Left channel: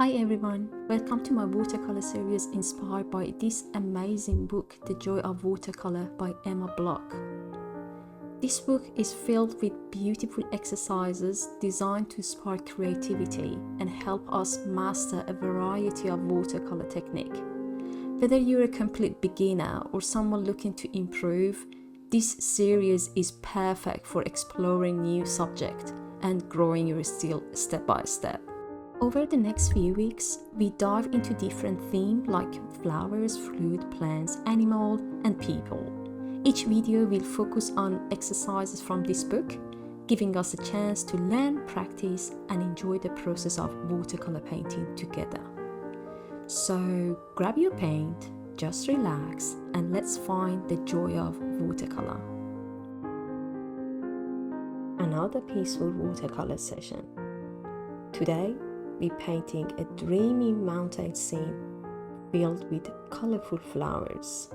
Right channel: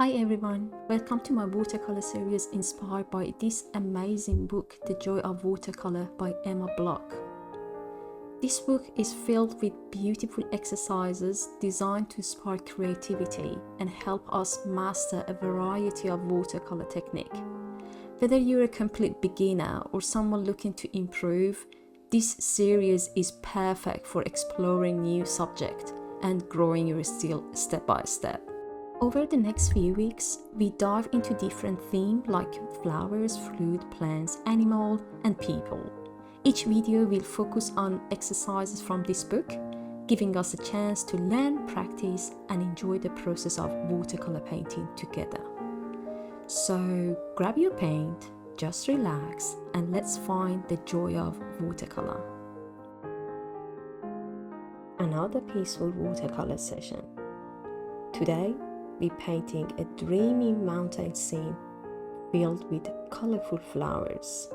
Hi everyone, welcome to my watercolor series inspired by this amazing book, The Joy of Watercolor by Emma Block. This book is filled with beautiful exercises designed to spark creativity and help us master a variety of watercolor technique. Whether you're a complete beginner or someone looking to improve, this series is perfect for exploring new subjects and growing your skill step by step. Over the next few weeks, we dive into different themes like flowers, fruit, plants, animal, and people. Each video will focus on exercises from this book, giving us a chance to learn, practice, and enjoy the process of watercolor painting together. So grab your paint, just relax, and let's find the joy of watercolor. Another peaceful watercolor session. Today, we're painting a dreamy mountain scene filled with colorful flowers.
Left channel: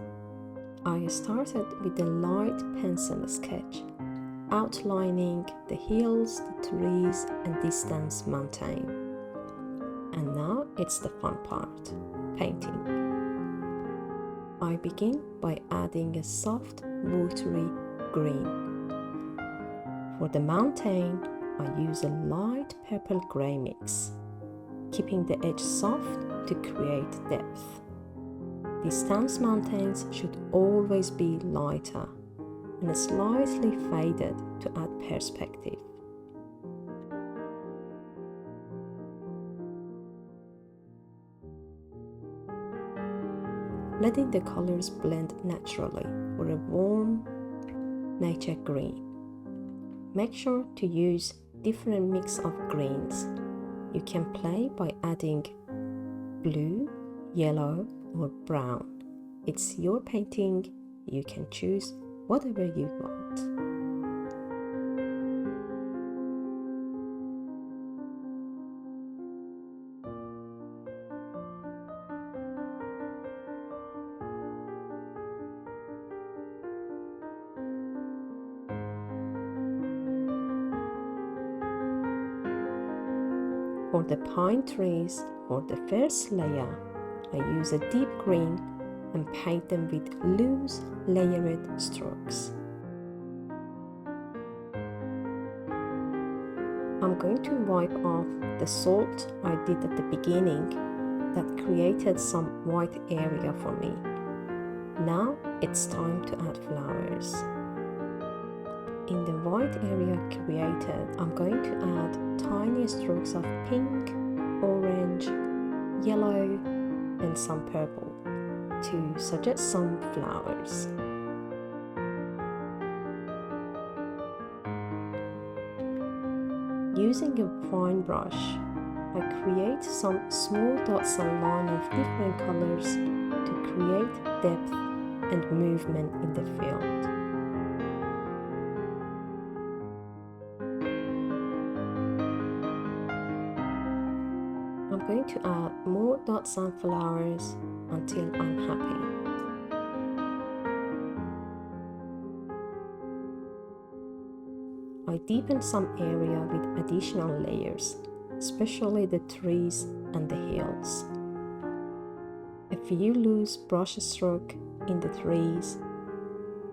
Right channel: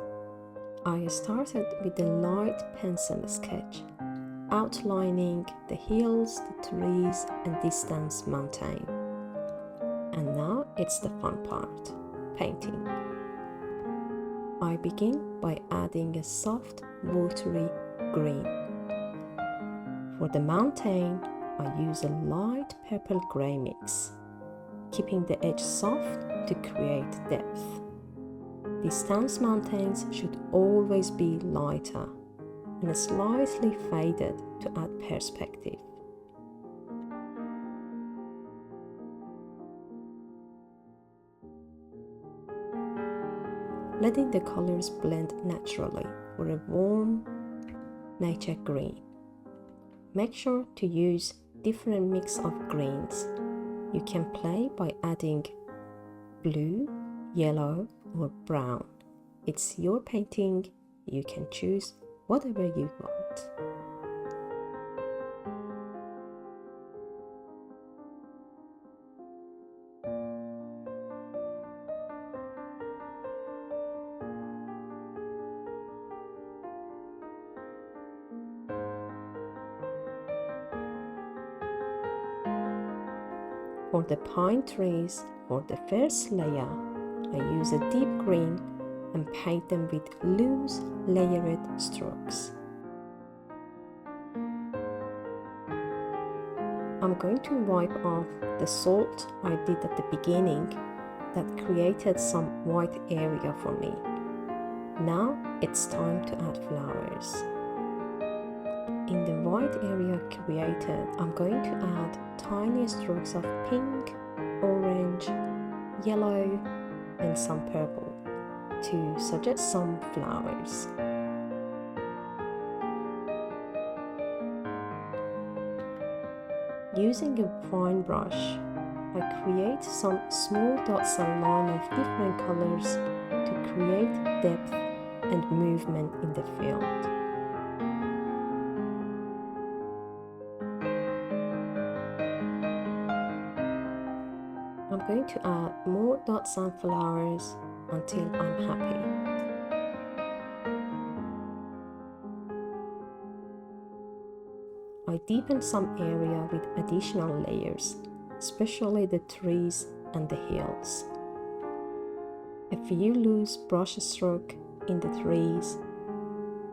I started with a light pencil sketch, outlining the hills, the trees, and distant mountain. And now it's the fun part, painting. I begin by adding a soft, watery green. For the mountain, I use a light purple-gray mix, keeping the edge soft to create depth. Distant mountains should always be lighter and slightly faded to add perspective. Letting the colors blend naturally for a warm nature green. Make sure to use different mix of greens. You can play by adding blue, yellow, or brown. It's your painting, you can choose whatever you want. For the pine trees, for the first layer, I use a deep green and paint them with loose, layered strokes. I'm going to wipe off the salt I did at the beginning that created some white area for me. Now it's time to add flowers. In the white area created, I'm going to add tiny strokes of pink, orange, yellow, and some purple to suggest some flowers. Using a fine brush, I create some small dots and lines of different colors to create depth and movement in the field. I'm going to add more dots and flowers until I'm happy. I deepen some area with additional layers, especially the trees and the hills. A few loose brush strokes in the trees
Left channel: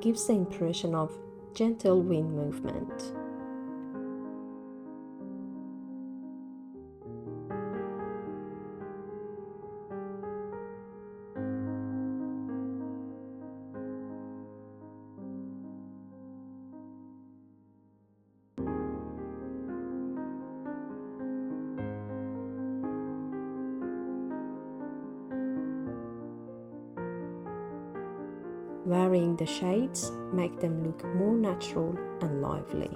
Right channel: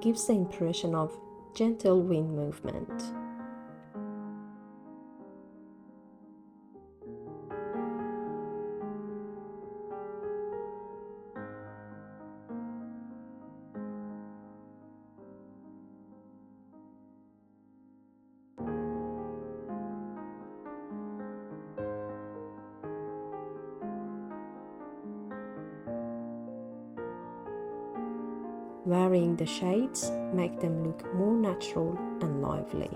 gives the impression of gentle wind movement. Varying the shades make them look more natural and lively.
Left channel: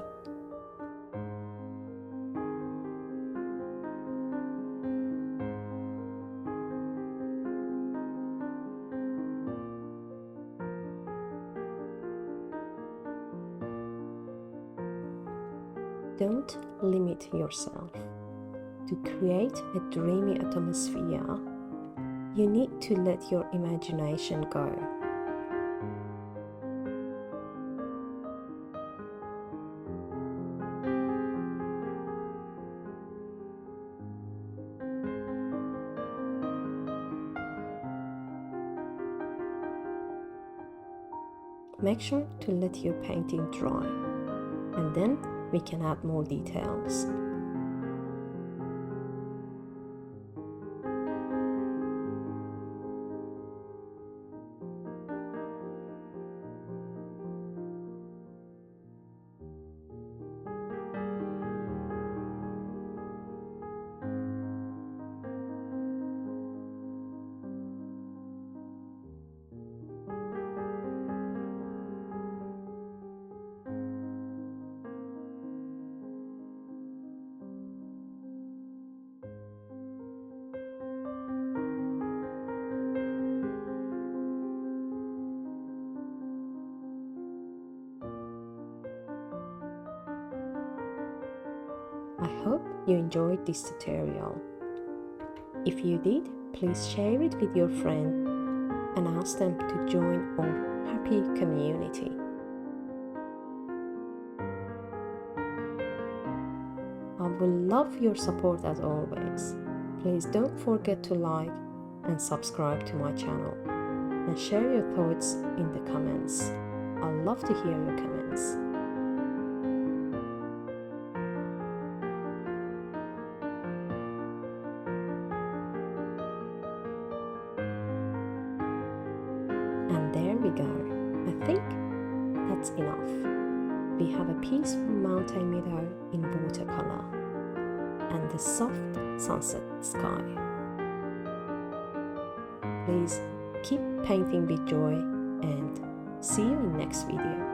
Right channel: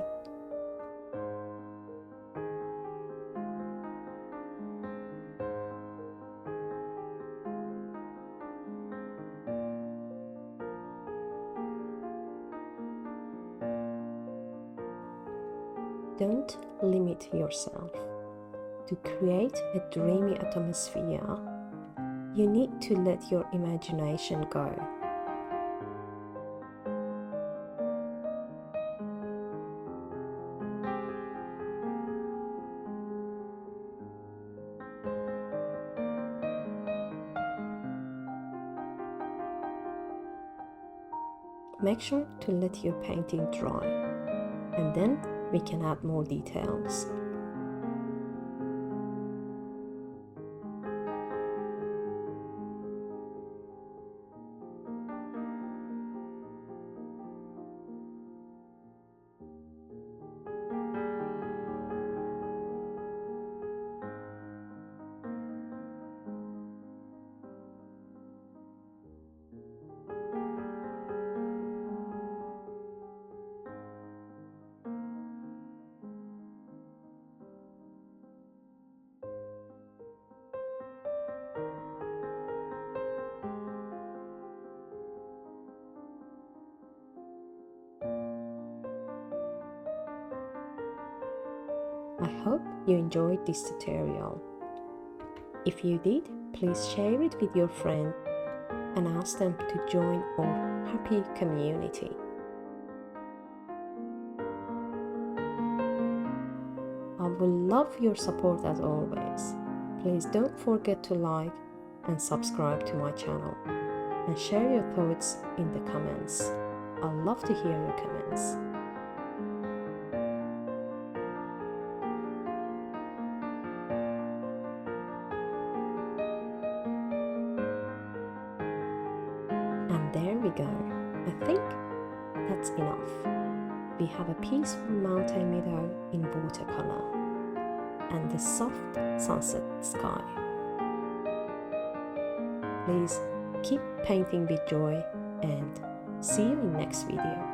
Don't limit yourself. To create a dreamy atmosphere, you need to let your imagination go. Make sure to let your painting dry, and then we can add more details. I hope you enjoyed this tutorial. If you did, please share it with your friend and ask them to join our happy community. I will love your support as always. Please don't forget to like and subscribe to my channel and share your thoughts in the comments. I love to hear your comments. And there we go. I think that's enough. We have a peaceful mountain meadow in watercolor and the soft sunset sky. Please keep painting with joy and see you in next video.